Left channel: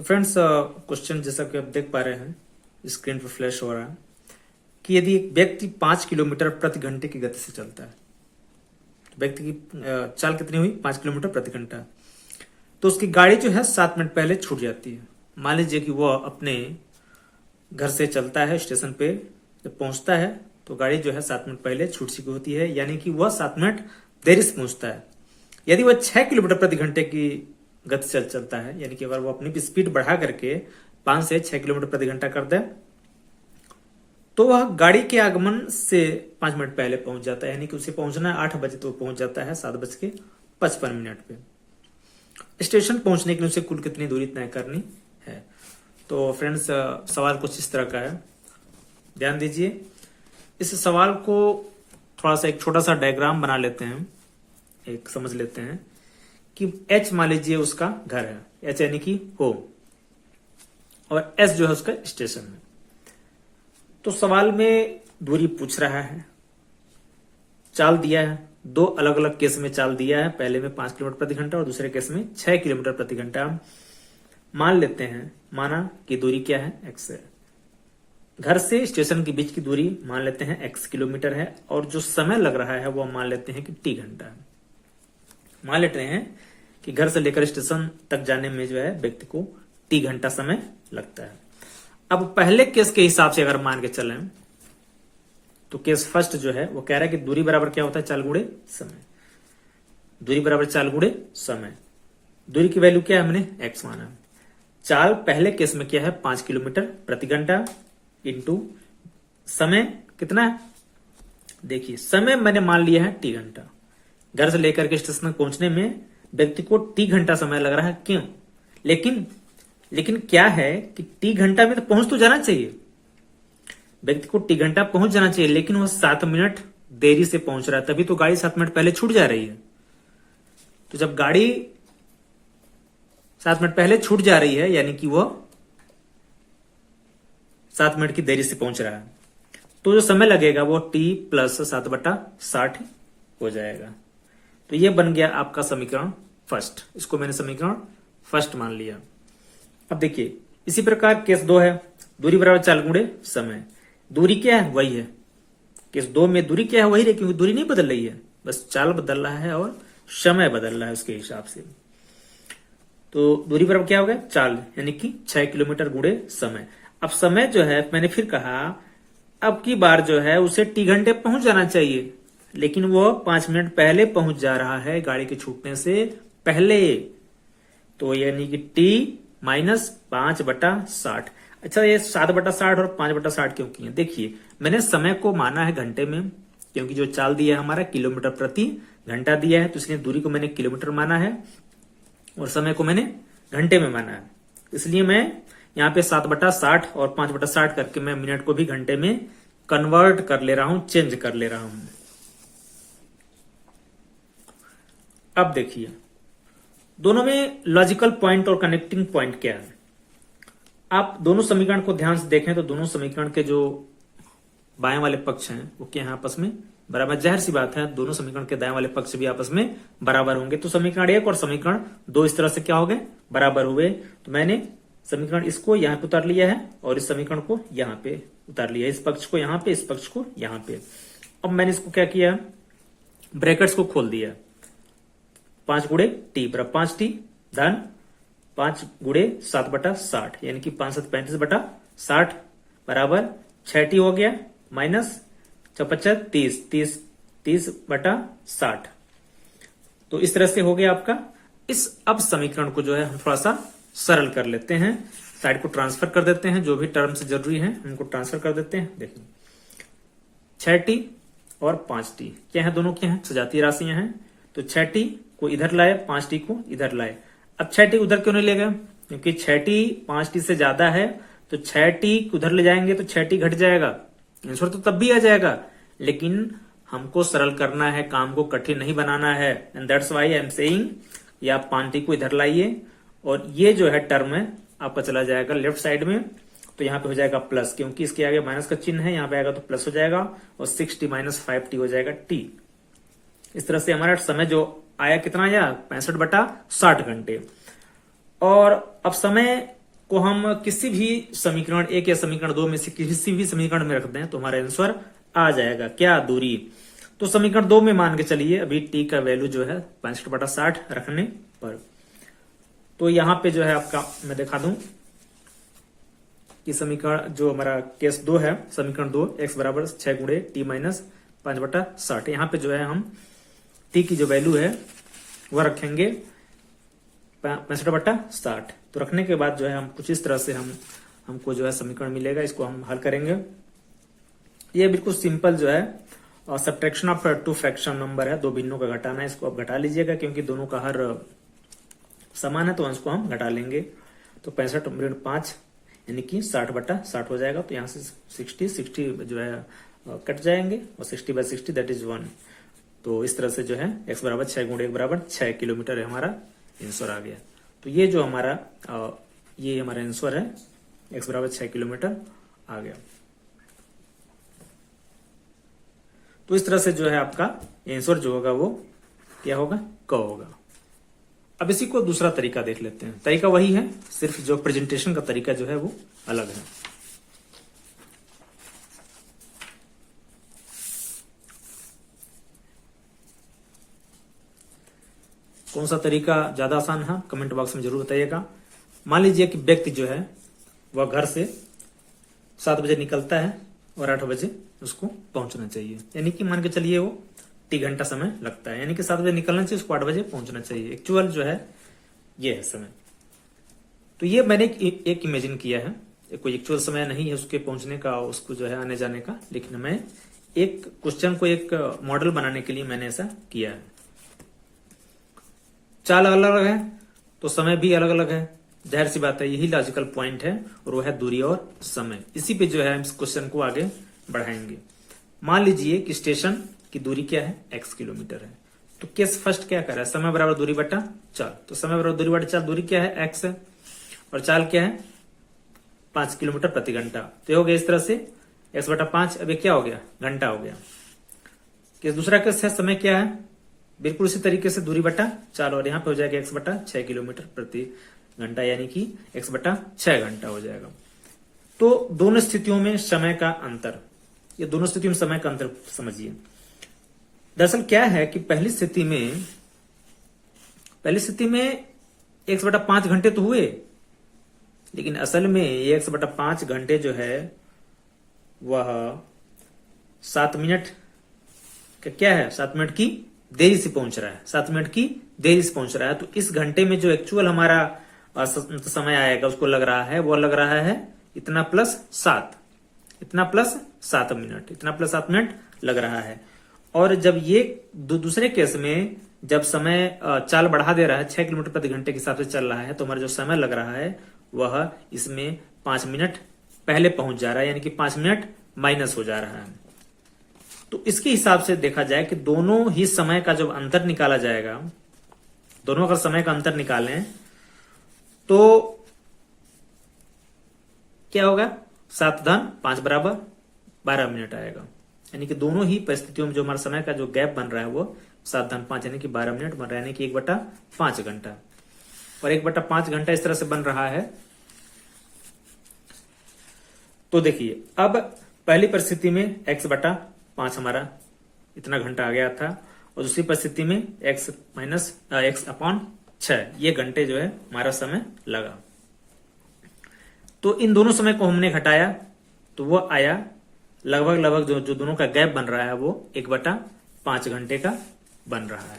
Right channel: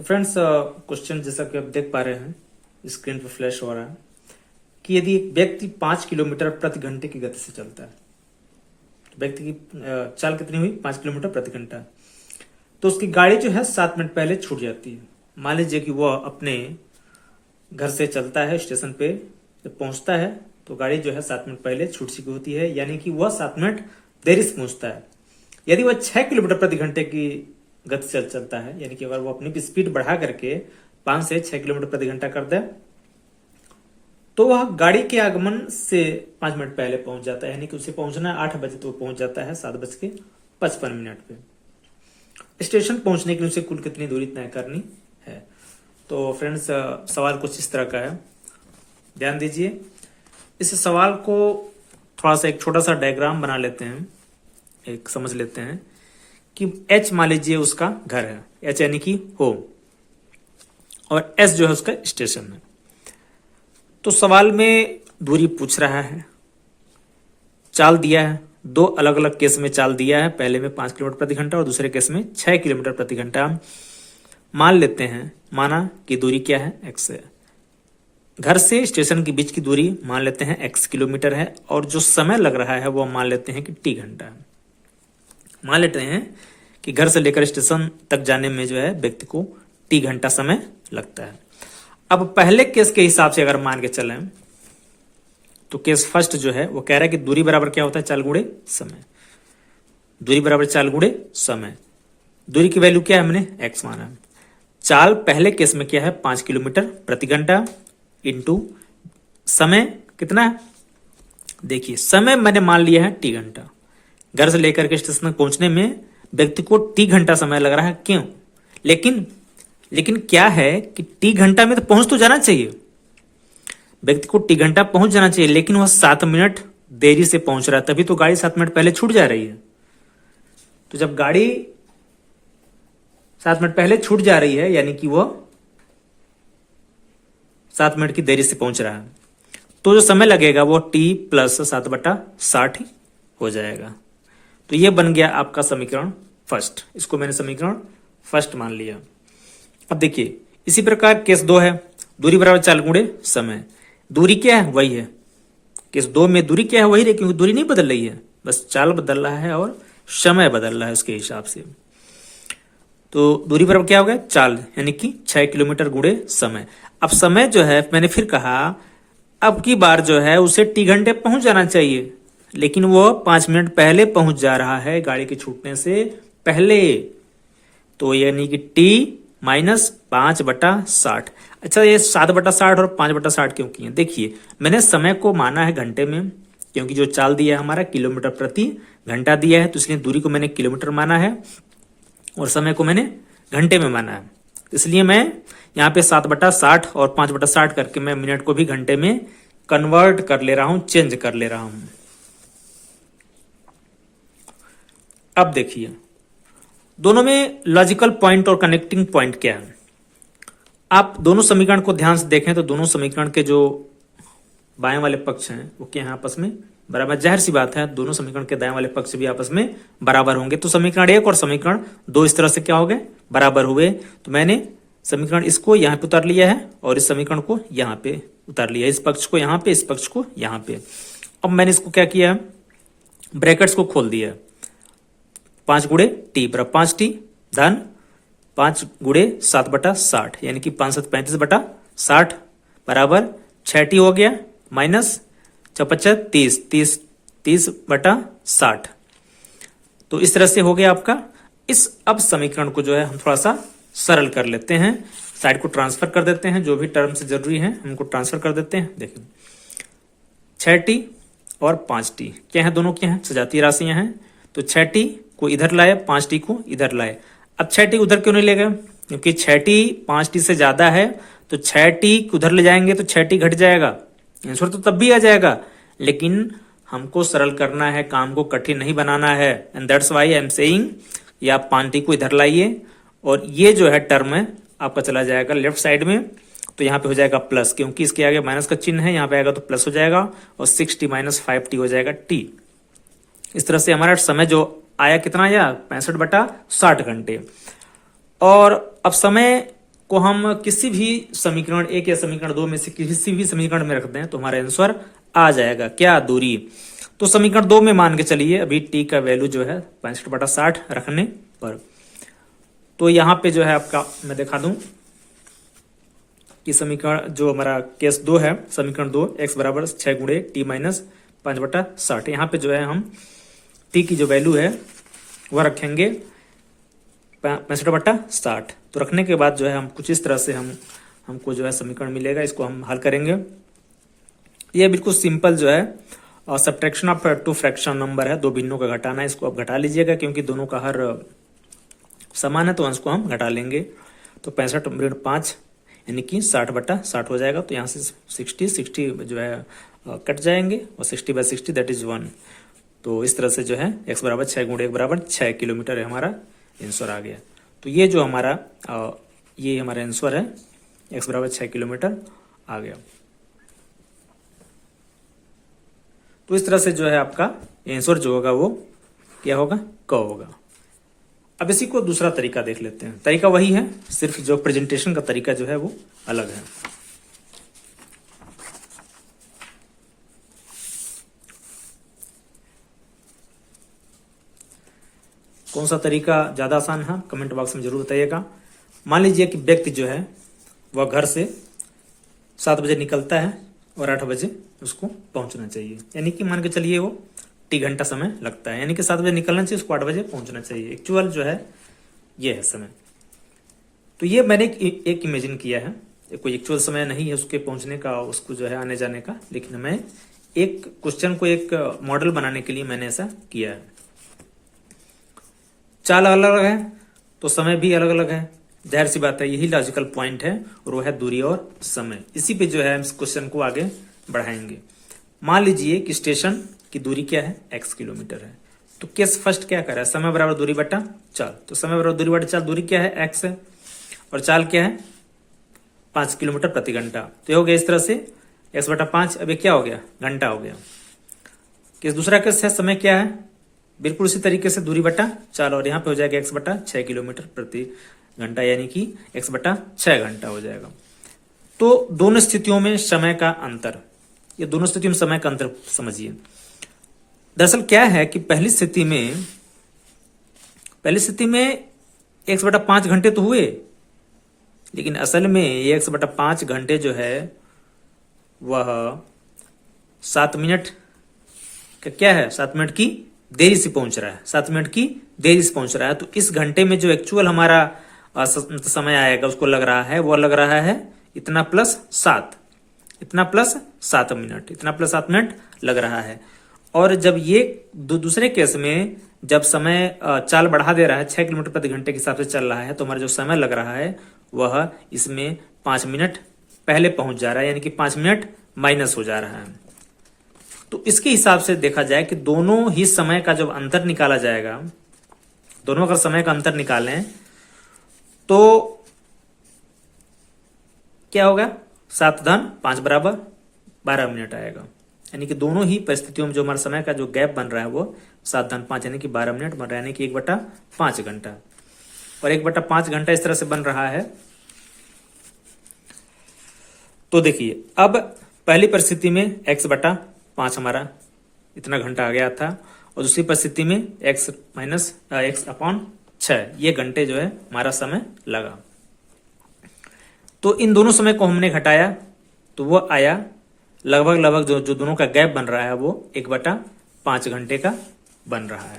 तो friends question जैसा कि आप देख पा रहे हैं स्क्रीन पर फ्लैश हो रहा है कि यदि एक व्यक्ति 5 किलोमीटर प्रति घंटे की गति से चलता है, तो व्यक्ति की चाल कितनी हुई 5 किलोमीटर प्रति घंटा, तो उसकी गाड़ी जो है 7 मिनट पहले छूट जाती है। मान लीजिए कि वह अपने घर से चलता है, स्टेशन पे जब पहुंचता है तो गाड़ी जो है 7 मिनट पहले छूट चुकी होती है, यानी कि वह 7 मिनट देरी से पहुंचता है। यदि वह 6 किलोमीटर प्रति घंटे की गति से चलता है, यानी कि अगर वो अपनी स्पीड बढ़ा करके 5 से 6 किलोमीटर प्रति घंटा कर दे, तो वह गाड़ी के आगमन से 5 मिनट पहले पहुंच जाता है, यानी कि उसे पहुंचना 8 बजे, तो पहुंच जाता है 7:55 पे। स्टेशन पहुंचने के लिए उसे कुल कितनी दूरी तय करनी है। तो फ्रेंड्स सवाल कुछ इस तरह का है, ध्यान दीजिए। इस सवाल को थोड़ा सा एक छोटा सा डायग्राम बना लेते हैं, एक समझ लेते हैं कि H मान लीजिए उसका घर है, H यानी कि होम, और S जो है उसका स्टेशन है। तो सवाल में दूरी पूछ रहा है, चाल दिया है, दो अलग अलग केस में चाल दिया है, पहले में 5 किलोमीटर प्रति घंटा और दूसरे केस में 6 किलोमीटर प्रति घंटा। मान लेते हैं, माना कि दूरी क्या है, x है। घर से स्टेशन के बीच की दूरी मान लेते हैं x किलोमीटर है, और जो समय लग रहा है वो मान लेते हैं कि t घंटा है। मान लेते हैं कि घर से लेकर स्टेशन तक जाने में जो है व्यक्ति को t घंटा समय लगता है। अब पहले केस के हिसाब से अगर मान के चलें तो केस फर्स्ट जो है वो कह रहा है कि दूरी बराबर क्या होता है, चाल गुणे समय। दूरी बराबर चाल गुणे समय। दूरी की वैल्यू क्या है, हमने x माना है। चाल पहले केस में क्या है, 5 किलोमीटर प्रति घंटा इंटू समय कितना है, देखिए समय मैंने मान लिया है t घंटा। घर से लेकर के स्टेशन तक पहुंचने में व्यक्ति को t घंटा समय लग रहा है, क्यों? लेकिन क्या है कि t घंटा में तो पहुंच तो जाना चाहिए, व्यक्ति को t घंटा पहुंच जाना चाहिए, लेकिन वह 7 मिनट देरी से पहुंच रहा है, तभी तो गाड़ी 7 मिनट पहले छूट जा रही है। तो जब गाड़ी 7 मिनट पहले छूट जा रही है, यानी कि वह 7 मिनट की देरी से पहुंच रहा है, तो जो समय लगेगा वो t प्लस 7/60 ही हो जाएगा। तो ये बन गया आपका समीकरण फर्स्ट, इसको मैंने समीकरण फर्स्ट मान लिया। अब देखिए इसी प्रकार केस 2 है, दूरी बराबर चाल गुणे समय। दूरी क्या है, वही है। केस 2 में दूरी क्या है, वही है, क्योंकि दूरी नहीं बदल रही है, बस चाल बदल रहा है और समय बदल रहा है उसके हिसाब से। तो दूरी बराबर क्या हो गया, चाल, यानी कि 6 किलोमीटर गुणे समय। अब समय जो है मैंने फिर कहा, अब की बार जो है उसे t घंटे पहुंच जाना चाहिए, लेकिन वो 5 मिनट पहले पहुंच जा रहा है गाड़ी के छूटने से पहले। तो यानी कि t माइनस 5/60। अच्छा, ये 7/60 और 5/60 क्यों किए? देखिए मैंने समय को माना है घंटे में, क्योंकि जो चाल दिया है हमारा किलोमीटर प्रति घंटा दिया है, तो इसलिए दूरी को मैंने किलोमीटर माना है और समय को मैंने घंटे में माना है। इसलिए मैं यहाँ पे 7/60 और 5/60 करके मैं मिनट को भी घंटे में कन्वर्ट कर ले रहा हूं, चेंज कर ले रहा हूं। अब देखिए दोनों में लॉजिकल पॉइंट और कनेक्टिंग पॉइंट क्या है। आप दोनों समीकरण को ध्यान से देखें तो दोनों समीकरण के जो बाएं वाले पक्ष हैं वो क्या है, आपस में बराबर। जाहिर सी बात है दोनों समीकरण के दाएं वाले पक्ष भी आपस में बराबर होंगे, तो समीकरण 1 और समीकरण 2 इस तरह से क्या हो गए, बराबर हुए। तो मैंने समीकरण इसको यहाँ पे उतार लिया है और इस समीकरण को यहाँ पे उतार लिया, इस पक्ष को यहाँ पे, इस पक्ष को यहाँ पे। अब मैंने इसको क्या किया, ब्रैकेट्स को खोल दिया, 5 गुणे t बराबर 5t धन 5 गुणे 7/60, यानी कि 5 7 35/60 बराबर 6t हो गया, माइनस 55 30/60। तो इस तरह से हो गया आपका। इस अब समीकरण को जो है हम थोड़ा सा सरल कर लेते हैं, साइड को ट्रांसफर कर देते हैं, जो भी टर्म से जरूरी है हमको ट्रांसफर कर देते हैं। देखिए 6t और 5t क्या है, दोनों क्या है, सजातीय राशियां हैं। तो 6t को इधर लाए, 5t को इधर लाए। अब 6t उधर क्यों नहीं ले गए, क्योंकि 6t 5t से ज्यादा है, तो 6t उधर ले जाएंगे तो 6t घट जाएगा, आंसर तो तब भी आ जाएगा। लेकिन हमको सरल करना है, काम को कठिन नहीं बनाना है, and that's why I am saying ये आप 5t को इधर लाइए और ये जो है टर्म है आपका चला जाएगा लेफ्ट साइड में, तो यहाँ पे हो जाएगा प्लस, क्योंकि इसके आगे माइनस का चिन्ह है, यहाँ पे आएगा तो प्लस हो जाएगा, और 6t माइनस 5t हो जाएगा t। इस तरह से हमारा समय जो आया कितना आया, 65/60 घंटे। और अब समय को हम किसी भी समीकरण 1 या समीकरण 2 में से किसी भी समीकरण में रख दें तो हमारा आंसर आ जाएगा। क्या? दूरी। तो समीकरण 2 में मान के चलिए अभी टी का वैल्यू जो है 65/60 रखने पर, तो यहां पे जो है आपका मैं दिखा दूं कि समीकरण जो हमारा केस 2 है, समीकरण 2 x बराबर 6 गुणे टी माइनस 5/60, यहाँ पे जो है हम टी की जो वैल्यू है वह रखेंगे 65/60। तो रखने के बाद जो है हम कुछ इस तरह से हमको जो है समीकरण मिलेगा, इसको हम हल करेंगे। ये बिल्कुल सिंपल जो है और subtraction of two fraction number है, दो भिन्नों का घटाना है, इसको आप घटा लीजिएगा क्योंकि दोनों का हर समान है तो अंश को हम घटा लेंगे। तो 65/5 यानी कि 60/60 हो जाएगा। तो यहाँ से 60 जो है कट जाएंगे और 60/60 दैट इज 1। तो इस तरह से जो है x बराबर 6 गुणे 1 बराबर 6 किलोमीटर है हमारा आंसर आ गया। तो ये जो हमारा ये हमारा आंसर है x बराबर 6 किलोमीटर आ गया। तो इस तरह से जो है आपका आंसर जो होगा वो क्या होगा? क होगा। अब इसी को दूसरा तरीका देख लेते हैं। तरीका वही है, सिर्फ जो प्रेजेंटेशन का तरीका जो है वो अलग है। कौन सा तरीका ज्यादा आसान है कमेंट बॉक्स में जरूर बताइएगा। मान लीजिए कि व्यक्ति जो है वह घर से 7 बजे निकलता है और 8 बजे उसको पहुंचना चाहिए, यानी कि मान के चलिए वो टी घंटा समय लगता है, यानी कि 7 बजे निकलना चाहिए, उसको 8 बजे पहुंचना चाहिए। एक्चुअल जो है ये है समय। तो ये मैंने एक इमेजिन किया है, कोई एक्चुअल समय नहीं है उसके पहुंचने का, उसको जो है आने जाने का, लेकिन मैं एक क्वेश्चन को एक मॉडल बनाने के लिए मैंने ऐसा किया है। चाल अलग अलग है तो समय भी अलग अलग है, जाहिर सी बात है, यही लॉजिकल पॉइंट है और वो है दूरी और समय। इसी पे जो है हम इस क्वेश्चन को आगे बढ़ाएंगे। मान लीजिए कि स्टेशन की दूरी क्या है? x किलोमीटर है। तो केस फर्स्ट क्या कर रहा है? समय बराबर दूरी बटा चाल। तो समय बराबर दूरी बटा चाल, दूरी क्या है? x है और चाल क्या है? 5 किलोमीटर प्रति घंटा। तो हो गया इस तरह से x/5। अब ये क्या हो गया? घंटा हो गया। केस दूसरा केस है, समय क्या है? बिल्कुल उसी तरीके से दूरी बटा चाल, और यहाँ पे हो जाएगा x/6 किलोमीटर प्रति घंटा, यानी कि x/6 घंटा हो जाएगा। तो दोनों स्थितियों में समय का अंतर, ये दोनों स्थितियों में समय का अंतर समझिए। दरअसल क्या है कि पहली स्थिति में x/5 घंटे तो हुए, लेकिन असल में ये x/5 घंटे जो है वह 7 मिनट का क्या है? 7 मिनट की देरी से पहुंच रहा है, 7 मिनट की देरी से पहुंच रहा है। तो इस घंटे में जो एक्चुअल हमारा समय आएगा उसको लग रहा है, वो लग रहा है इतना प्लस 7, इतना प्लस 7 मिनट, इतना प्लस 7 मिनट लग रहा है। और जब ये दूसरे केस में जब समय चाल बढ़ा दे रहा है, 6 किलोमीटर प्रति घंटे के हिसाब से चल रहा है, तो हमारा जो समय लग रहा है वह इसमें 5 मिनट पहले पहुंच जा रहा है, यानी कि 5 मिनट माइनस हो जा रहा है। तो इसके हिसाब से देखा जाए कि दोनों ही समय का जब अंतर निकाला जाएगा, दोनों अगर समय का अंतर निकालें तो क्या होगा? 7-5 बराबर 12 मिनट आएगा, यानी कि दोनों ही परिस्थितियों में जो हमारा समय का जो गैप बन रहा है वो 7-5 यानी कि 12 मिनट बन रहा है, यानी कि 1/5 घंटा। और 1/5 घंटा इस तरह से बन रहा है। तो देखिए अब पहली परिस्थिति में x/5 हमारा इतना घंटा आ गया था, और दूसरी परिस्थिति में x/6 ये घंटे जो है हमारा समय लगा। तो इन दोनों समय को हमने घटाया तो वो आया लगभग जो दोनों का गैप बन रहा है वो 1/5 घंटे का बन रहा है।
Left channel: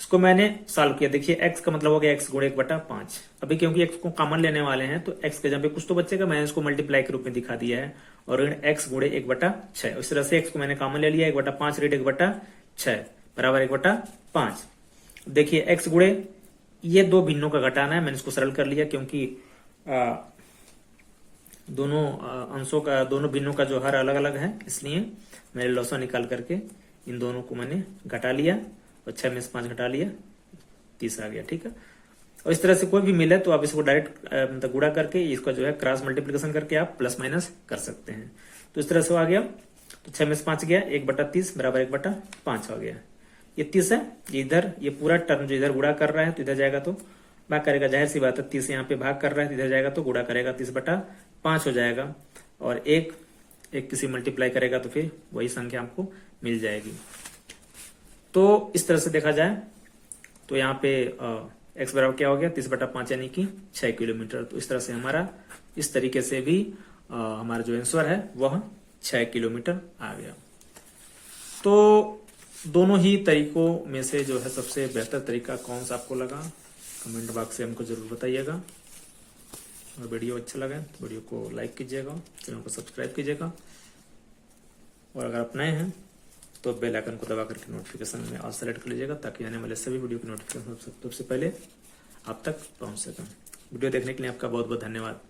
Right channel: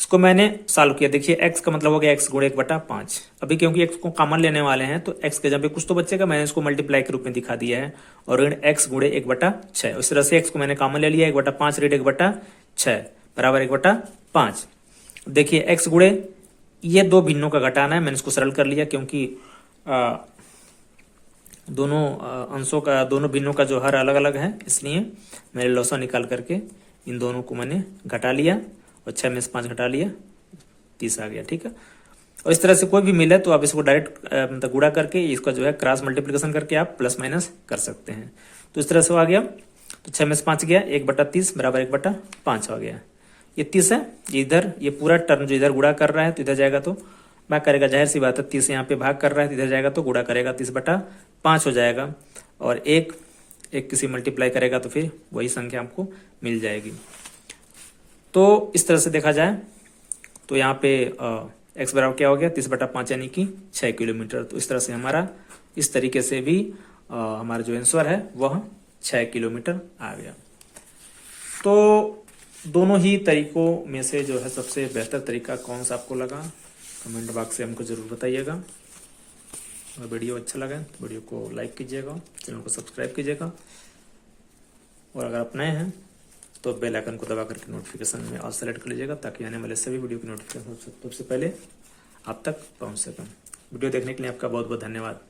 इसको मैंने सॉल्व किया। देखिए x का मतलब हो गया x गुणे 1/5। अभी क्योंकि x को कॉमन लेने वाले हैं तो x के जगह पे कुछ तो बचेगा, मैंने इसको मल्टीप्लाई के रूप में दिखा दिया है, और ऋण x गुणे 1/6। इस तरह से x को मैंने कॉमन ले लिया, 1/5 ऋण 1/6 बराबर 1/5। देखिए x गुणे ये दो भिन्नों का घटाना है, मैंने इसको सरल कर लिया क्योंकि दोनों अंशों का, दोनों भिन्नों का जो हर अलग अलग है, इसलिए मैंने लॉसा निकाल करके इन दोनों को मैंने घटा लिया और 6 में से 5 घटा लिया, 30 आ गया। ठीक है। और इस तरह से कोई भी मिले तो आप इसको डायरेक्ट मतलब गुणा करके इसका जो है क्रॉस मल्टीप्लिकेशन करके आप प्लस माइनस कर सकते हैं। तो इस तरह से आ गया, तो 6 में से 5 गया, 1/30 बराबर 1/5 आ गया। ये 30 है, ये इधर ये पूरा टर्म जो इधर गुणा कर रहा है तो इधर जाएगा तो भाग करेगा, जाहिर सी बात है 30 यहाँ पे भाग कर रहा है, इधर जाएगा तो गुणा करेगा, 30/5 हो जाएगा। और एक किसी मल्टीप्लाई करेगा तो फिर वही संख्या हमको मिल जाएगी। तो इस तरह से देखा जाए तो यहाँ पे x बराबर क्या हो गया, 30/5 यानी कि 6 किलोमीटर। तो इस तरह से हमारा इस तरीके से भी हमारा जो आंसर है वह 6 किलोमीटर आ गया। तो दोनों ही तरीकों में से जो है सबसे बेहतर तरीका कौन सा आपको लगा, कमेंट बॉक्स से हमको जरूर बताइएगा। और वीडियो अच्छा लगा तो वीडियो को लाइक कीजिएगा, चैनल को सब्सक्राइब कीजिएगा, और अगर आप नए हैं तो बेल आइकन को दबा करके नोटिफिकेशन में ऑल सेलेक्ट कर लीजिएगा, ताकि आने वाले सभी वीडियो की नोटिफिकेशन सबसे पहले आप तक पहुंच सकें। वीडियो देखने के लिए आपका बहुत बहुत धन्यवाद।